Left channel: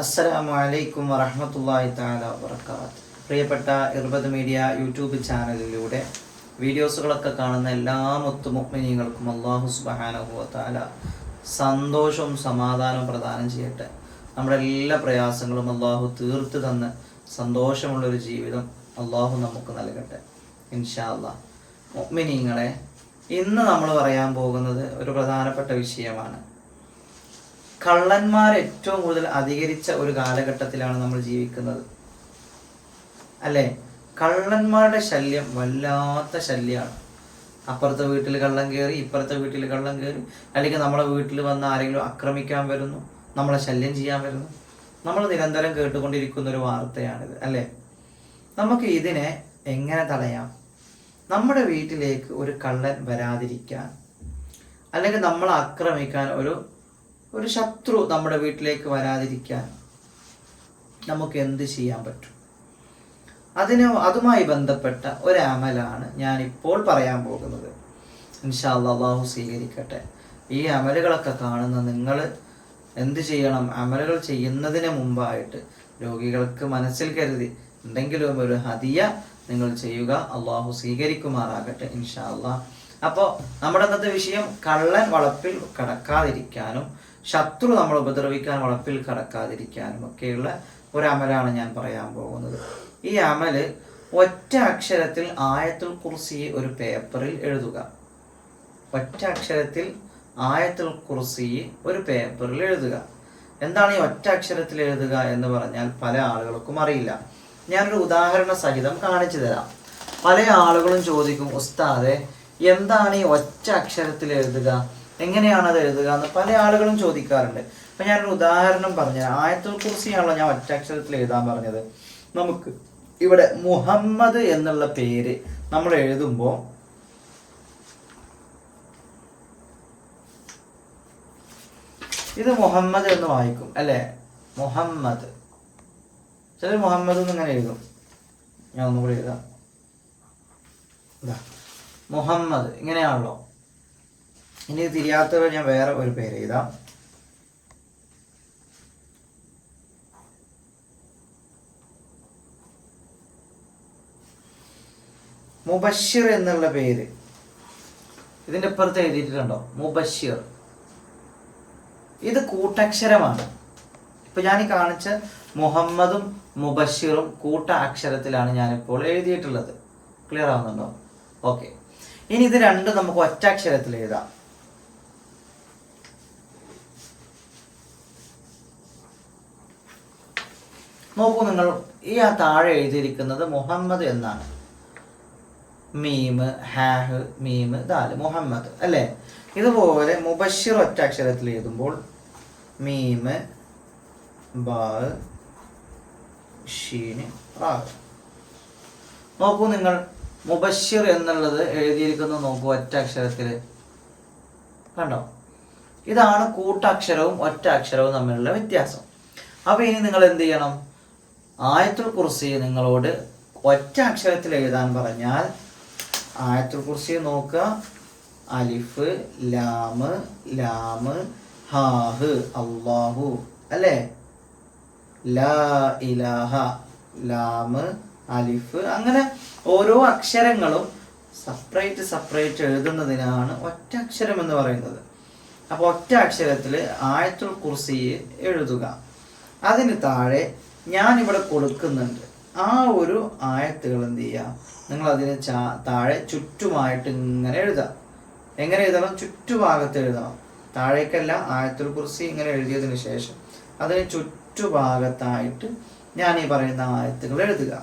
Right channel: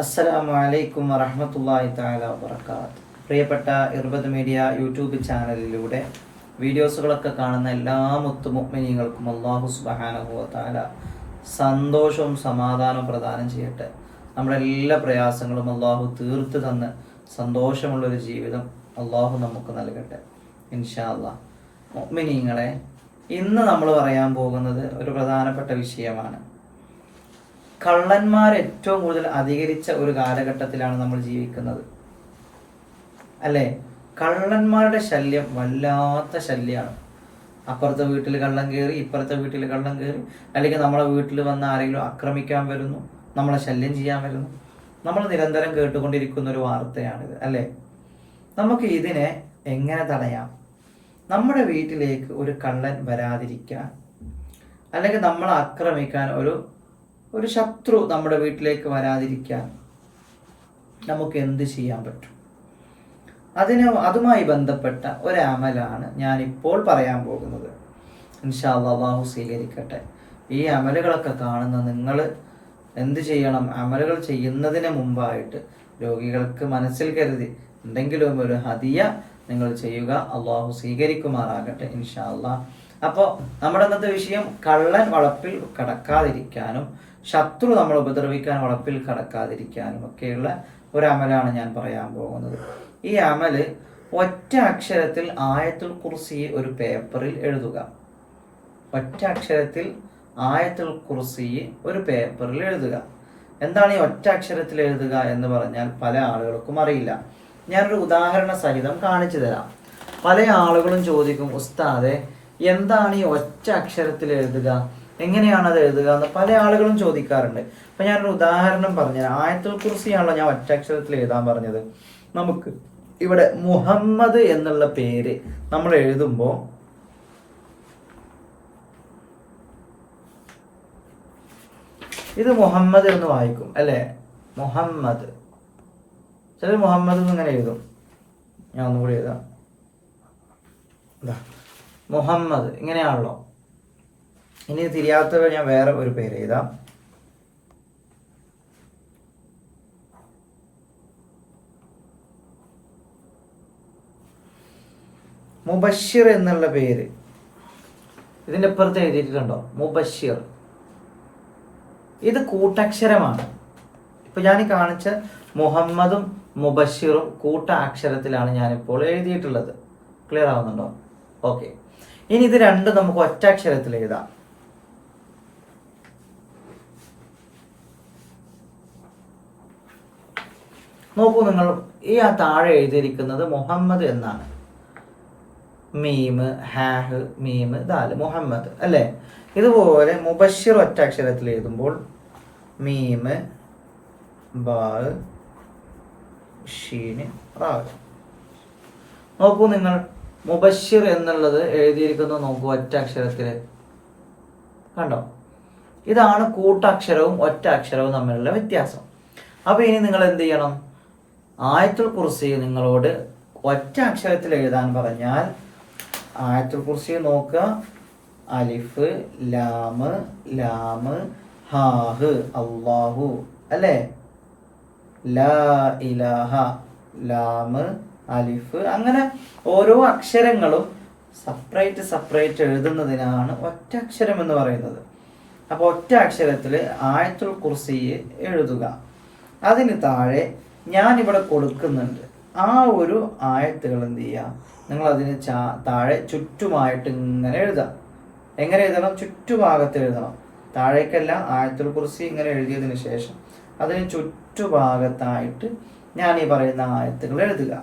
അസ്സലാമു അലൈക്കും വറഹ്മത്തുള്ളാഹി തആല വബറകാത്ത്. പ്രിയപ്പെട്ട ഇർബദ് മീഡിയ യൂട്യൂബ് ചാനലിലൂടെ വീഡിയോസുകളൊക്കെ കാണുന്ന എല്ലാ മുത്തുമുഅ്മിനീങ്ങൾക്കും അല്ലാഹു സുബ്ഹാനഹു വ തആല സന്തോഷവും സമാധാനവും പ്രദാനം ചെയ്യട്ടെ. നമ്മുടെ എല്ലാ പ്രയാസങ്ങളും അല്ലാഹു തീർത്ത് തന്ന് സന്തോഷമുള്ളൊരു ജീവിതം അല്ലാഹു നമുക്ക് നൽകട്ടെ ഇൻഷാ അല്ലാഹ്. മുഅ്മിനീങ്ങളെ, ഇന്ന് നമ്മൾ പറയാൻ പോകുന്നത് ഒരു പ്രധാനപ്പെട്ട വിഷയമാണ്. കള്ളന്മാർ ഏറ്റവും കൂടുതൽ അധികരിച്ച ഒരു കാലഘട്ടത്തിലാണ് നമ്മൾ ജീവിക്കുന്നത്, അല്ലേ? കള്ളന്മാരുടെ ശല്യം വല്ലാത്ത ശല്യമാണ്. അപ്പുറത്തെ വീട്ടിൽ കള്ളൻ കയറി, ഇപ്പുറത്തെ വീട്ടിൽ കള്ളൻ കയറി, അല്ലെങ്കിൽ നമ്മളെ വീട്ടിൽ വന്ന് ആരെങ്കിലും ആക്രമിക്കാൻ വരുന്നു, നമ്മളെ ശല്യം ചെയ്യാൻ വരുന്നു. നമ്മൾ നിരന്തരം കേട്ടുകൊണ്ടിരിക്കുന്ന ഒരു വാർത്തയാണിത്, അല്ലേ? നമുക്ക് ഇതിനെ എങ്ങനെ തടയാം? നമ്മുടെ വീട്ടിലേക്ക് ഒരു കള്ളൻ വരാതിരിക്കാൻ, അല്ലെങ്കിൽ നമ്മളെ ആക്രമിക്കാൻ ഒരു ശത്രു നമ്മുടെ വീട്ടിലേക്ക് വരാതിരിക്കാൻ നമുക്ക് എന്ത് ചെയ്യാൻ പറ്റും? അതുമായി ബന്ധപ്പെട്ട ഒരു അമലാണ് ഞാനിപ്പോൾ പറയാൻ പോകുന്നത്. ഇൻഷാ അല്ലാഹ്, അല്ലാഹു സ്വീകരിക്കട്ടെ. ഈ അമലുകളൊക്കെ കാണുന്ന നിങ്ങൾ എന്ത് ചെയ്യണം? അമലുകൾ ചെയ്യുന്നതിന് മുമ്പായിട്ട് രോഗികൾക്ക് മനസ്സിൽ കരുതി എന്തെങ്കിലും ഒരു ഹദിയ നിങ്ങൾ ചെയ്യുക. അല്ലാഹു സ്വീകരിക്കുമാറാകട്ടെ ഇൻഷാ അല്ലാഹ്. അപ്പോൾ നമ്മുടെ ഇന്നത്തെ വിഷയം കള്ളൻ വളപ്പിൽ കടക്കാതിരിക്കാനും ശത്രു നമ്മൾ ഉപദ്രവിക്കാൻ വളപ്പിൽ കടക്കാതിരിക്കാനും ഒക്കെയുള്ള ഒരു അമലാണ് ഞാൻ പറയാൻ പോകുന്നത്. ഈ അമല് ഒറ്റ അക്ഷരത്തിൽ ആയത്തുൽ കുർസി ഒരു പേപ്പറിൽ എഴുതുക. ഒറ്റ അക്ഷരത്തിൽ ആയത്തുൽ കുർസി ഒരു പേപ്പറിൽ എഴുതുക. എന്താണ് ഈ ഒറ്റ അക്ഷരത്തിൽ എഴുതുക എന്ന് പറഞ്ഞാൽ പല ആളുകൾക്കും അറിയില്ല. ഞാനൊരു ഉദാഹരണ സഹിതം കാണിച്ചു തരാം. പല ആളുകളും ചോദിക്കും, ഉസ്താദെ, എന്താണ് ഈ ഒറ്റ അക്ഷരത്തിൽ എഴുതുക, എങ്ങനെയാണത് എഴുതുക എന്ന് പല ആളുകളും ചോദിക്കാറുണ്ട്. അപ്പം ഞാനൊരു ഉദാഹരണം പറഞ്ഞുതരാം. ആയത്തുൽ കുർസിയാണല്ലോ ഞാൻ ഒറ്റ അക്ഷരത്തിൽ എഴുതാൻ പറഞ്ഞത്. നമുക്ക് ഇവിടെ മുഹമ്മദ് എന്നുള്ള പേര് നമ്മൾ എഴുതുമ്പോൾ ഇത് മുഹമ്മദ് എന്ന് വായിക്കും, അല്ലേ? മുഹമ്മദ്. ചിലർ മുഹമ്മദ് എന്ന് ഇങ്ങനെ എഴുതും. ഞാൻ ഒന്നുകൂടി എഴുതാം. മുഹമ്മദ് ഇങ്ങനെയാണല്ലോ. ഇനി തിരിയാത്തവർ ഞാൻ വേറെ ഒരു പേര് എഴുതാം. മുബഷിർ എന്നുള്ള പേര് ഇതിൻ്റെ അപ്പുറത്ത് എഴുതിയിട്ടുണ്ടോ? മുബഷിർ. ഇത് കൂട്ടക്ഷരമാണ്. ഇപ്പൊ ഞാൻ ഈ കാണിച്ച മുഹമ്മദും മുബഷിറും കൂട്ട അക്ഷരത്തിലാണ് ഞാനിപ്പോൾ എഴുതിയിട്ടുള്ളത്. ക്ലിയർ ആവുന്നുണ്ടോ? ഓക്കെ. ഇനി ഇത് രണ്ടും നമുക്ക് ഒറ്റ അക്ഷരത്തിൽ എഴുതാം. നോക്കൂ നിങ്ങൾ, ഈ താഴെ എഴുതിയിരിക്കുന്നത് മുഹമ്മദ് എന്നാണ്. മീമ്, ഹാഹ്, മീമ്, ദാല്, മുഹമ്മദ്, അല്ലേ? ഇതുപോലെ മുബഷിർ ഒറ്റ അക്ഷരത്തിൽ എഴുതുമ്പോൾ മീമ്, ബാ, ഷീന്, റാ. നോക്കൂ നിങ്ങൾ, മുബഷിർ എന്നുള്ളത് എഴുതിയിരിക്കുന്നത് നോക്കൂ ഒറ്റ അക്ഷരത്തിൽ. കണ്ടോ? ഇതാണ് കൂട്ടക്ഷരവും ഒറ്റ അക്ഷരവും തമ്മിലുള്ള വ്യത്യാസം. അപ്പൊ ഇനി നിങ്ങൾ എന്ത് ചെയ്യണം? ആയത്തുൽ കുർസി നിങ്ങളോട് ഒറ്റ അക്ഷരത്തിൽ എഴുതാൻ പറഞ്ഞാൽ ആയത്തുൽ കുർസി നോക്കുക. അലിഫ്, ലാമ്, ലാമ്, ഹാഹ്, അല്ലാഹു, അല്ലേ? ലാ ഇലാഹ, ലാമ്, അലിഫ്, അങ്ങനെ ഓരോ അക്ഷരങ്ങളും സെപ്പറേറ്റ് എഴുതുന്നതിനാണ് ഒറ്റ അക്ഷരം എന്ന് പറയുന്നത്. അപ്പോൾ ഒറ്റ അക്ഷരത്തിൽ ആയത്തുൽ കുർസി എഴുതുക. അതിന് താഴെ ഞാനിവിടെ കൊടുക്കുന്നുണ്ട് ആ ഒരു ആയത്തുകൾ എന്ത് ചെയ്യുക? നിങ്ങൾ അതിന് താഴെ ചുറ്റുമായിട്ട് ഇങ്ങനെ എഴുതാം. എങ്ങനെ എഴുതണം? ചുറ്റുഭാഗത്ത് എഴുതണം. താഴേക്കല്ല, ആയത്തുൽ കുർസി ഇങ്ങനെ എഴുതിയതിന് ശേഷം അതിന് ചുറ്റുഭാഗത്തായിട്ട് ഞാൻ ഈ പറയുന്ന ആയത്തുകൾ എഴുതുക.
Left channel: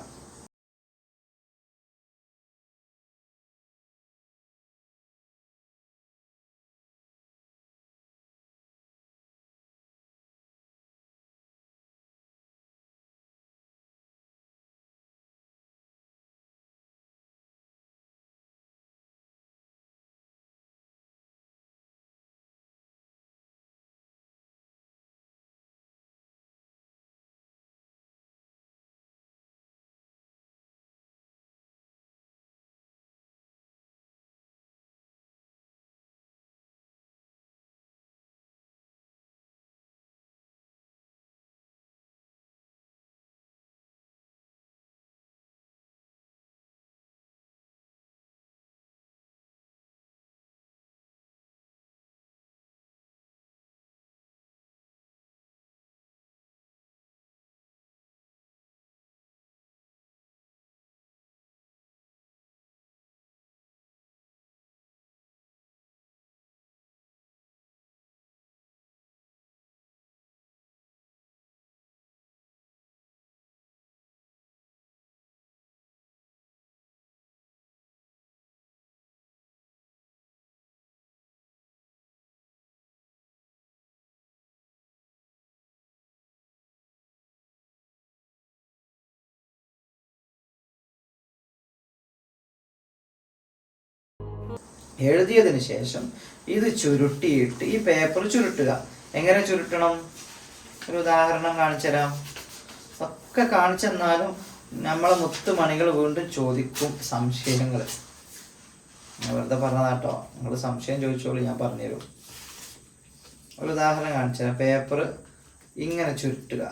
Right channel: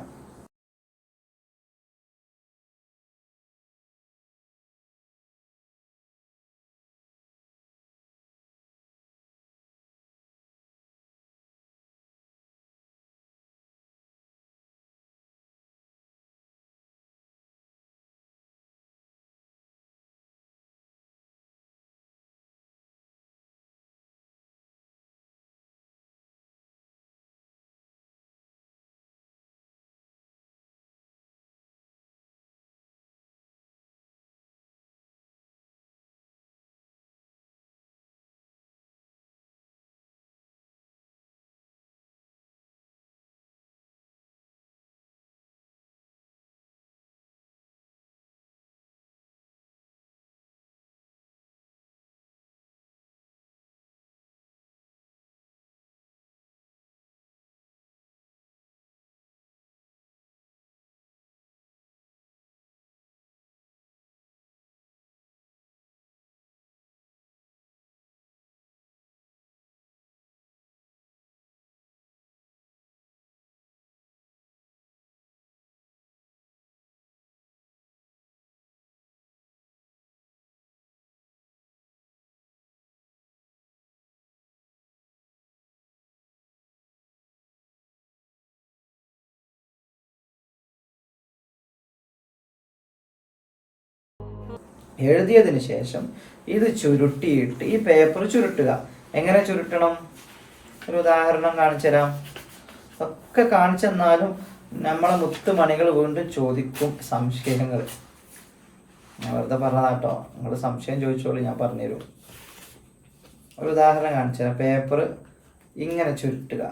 എഴുതിയതിന് ശേഷം ഇത് ചുരുട്ടിയിട്ട് ഈ പേപ്പർ ചുരുട്ടുക. എങ്ങനെ ചുരുട്ടണം? ഒരു ഉദാഹരണം കാണിച്ചു തരാം. ഒക്കെ കാണിച്ചെന്നാലും നമ്മളെ മുത്തുമണികൾ വീണ്ടും ചോദിക്കും സംശയങ്ങൾ. ഞാൻ വെറുതെ പറഞ്ഞതാട്ടോ, നിങ്ങൾ സംശയം ചോദിച്ചോളൂ, ഞാൻ പറഞ്ഞുതരും. ഒരു ഉദാഹരണം കാണിച്ചു തരാം. പേപ്പർ ഇങ്ങനെ ചുരുട്ടുക.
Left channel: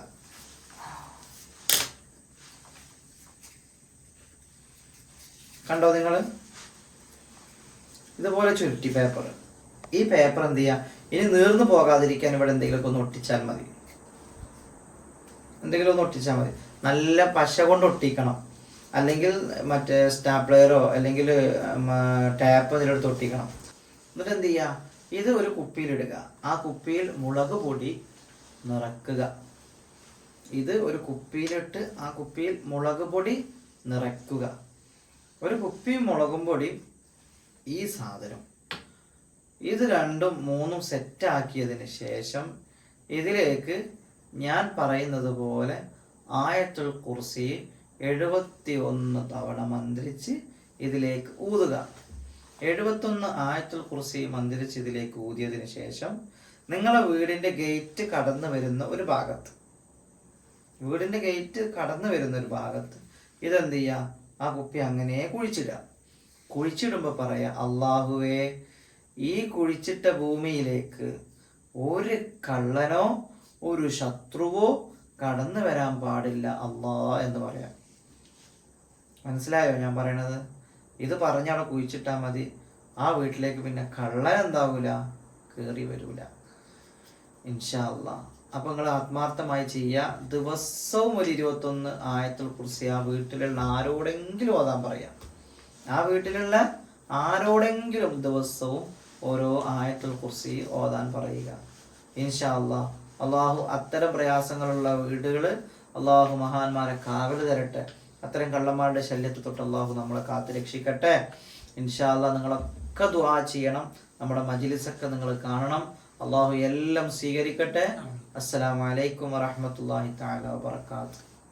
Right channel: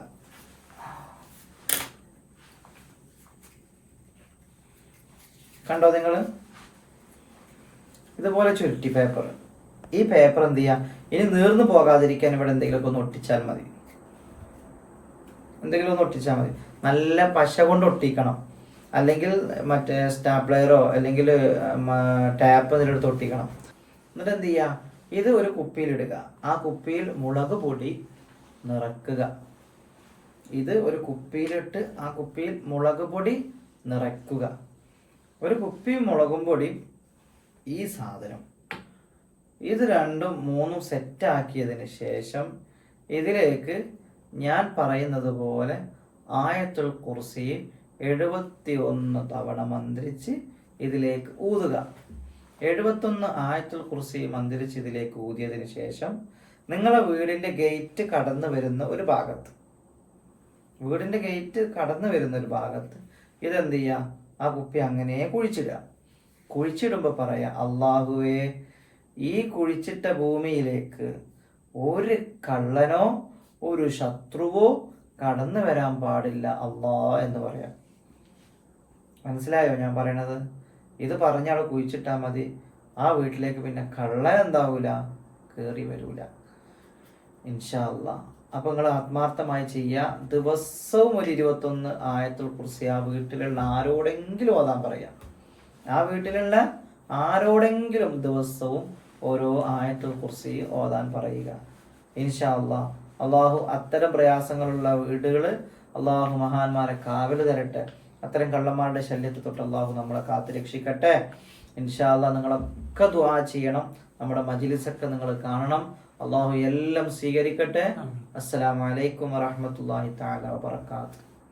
കണ്ടോ നിങ്ങൾ? ഇതുപോലെ ചുരുട്ടി പേപ്പർ. ഈ പേപ്പർ എന്ത് ചെയ്യുക? ഇനി നീർന്നു പോകാതിരിക്കാൻ ഇവിടെ എന്തെങ്കിലുമൊക്കെ ഒന്ന് ഒട്ടിച്ചാൽ മതി. എന്തെങ്കിലും ഒന്ന് ഒട്ടിച്ചാൽ മതി. നല്ല പശ കൊണ്ട് ഒട്ടിക്കണം, അല്ലെങ്കിൽ മറ്റേ സ്റ്റാപ്ലെയറോ അല്ലെങ്കിൽ ടാപ്പ് ഇതിലെടുത്ത് ഒട്ടിക്കണം. എന്നിട്ട് എന്ത് ചെയ്യുക? ഇത് ഒരു കുപ്പിയിലിടുക. ആ കുപ്പിയിൽ മുളക് പൊടി നിറക്കുക. ഇത് ഒരു കുപ്പിയിലിട്ട് ആ കുപ്പിയിൽ മുളക് പൊടി നിറയ്ക്കുക. ഒരു കുപ്പി മുളകും പൊടി, ഈ സാധനം, ഇത് രണ്ടും മൂന്നും സെറ്റാക്കിയതിന് ശേഷം ഇതിലേക്ക് ഞാൻ പറയുന്നത് പോലെ ആയത്തുൽ കുർസി 71 തവണ മന്ത്രിച്ച് ഇതിലേക്ക് ഊതുക. 71 ആയത്തുൽ കുർസി മന്ത്രിച്ച് ഇതിലേക്ക് ഊതിയതിന് ശേഷം നിങ്ങളെ വീടിൻ്റെ ഗേറ്റ് കടന്നു വരുന്ന ഒരു ഭാഗത്ത്, വീടിൻ്റെ ഗേറ്റ് കടന്നു വരുന്ന ഒരു ഭാഗത്ത് ഇതെന്ത് ചെയ്യുക? ആ കുപ്പി അങ്ങനെ കുഴിച്ചിടുക. കുഴിച്ചിടുമ്പോൾ പറയാം, അള്ളാഹുവേ, ഈ കുഴിച്ചിട്ട ഭൂമിയിലേക്ക് ഒരു കള്ളനോ ഒരു ശത്രുവോ കടന്നു വരാൻ പാടില്ല അള്ളാ എന്ന് പറയാം. മനസ്സിലായോ ഞാൻ പറയണത്? ഇത് പറഞ്ഞാൽ കുഴിച്ചിട്ടാൽ മതി. ആ വീട്ടിലേക്ക് പിന്നെ കള്ളൻ എന്താവൂല, കയറി വരൂല, ഇൻഷാ അള്ളാ. അപ്പോൾ നിങ്ങൾ ആത്മാർത്ഥമായി ചെയ്യുക. ദിവസവും ഒരു 21 ആയത്തുൽ കുർസി ആ വീട്ടിലുള്ള ആരോടെങ്കിലും ഓതാൻ പറയാം. ആ വീട്ടിലുള്ള ആരോടെങ്കിലും ദിവസവും ഓരോ ആയത്തുൽ കുർസി ഓതാൻ പറയുക, ഇൻഷാ അള്ളാ. അള്ളാഹു അത്തരം പ്രയാസങ്ങളുള്ള വീടുകൾ അള്ളാഹു മഹാന്മാരെ കാവൽ തരട്ടെ. അത്തരം കള്ളന്മാരുടെ ശല്യത്തെ തൊട്ട് അള്ളാഹു നമ്മളെ കാത്തു രക്ഷിക്കട്ടെ, ഇൻഷാ അള്ളാ. നിങ്ങളൊക്കെ ദുആ ചെയ്യണം. നമ്മുടെ മജ്ലിസൊക്കെ നിങ്ങൾ കാണണം. അള്ളാഹു എല്ലാം സ്വീകരിക്കട്ടെ. അസ്സലാമു അലൈക്കും വറഹ്മത്തുള്ളാഹി തആല വബറകാതുഹു.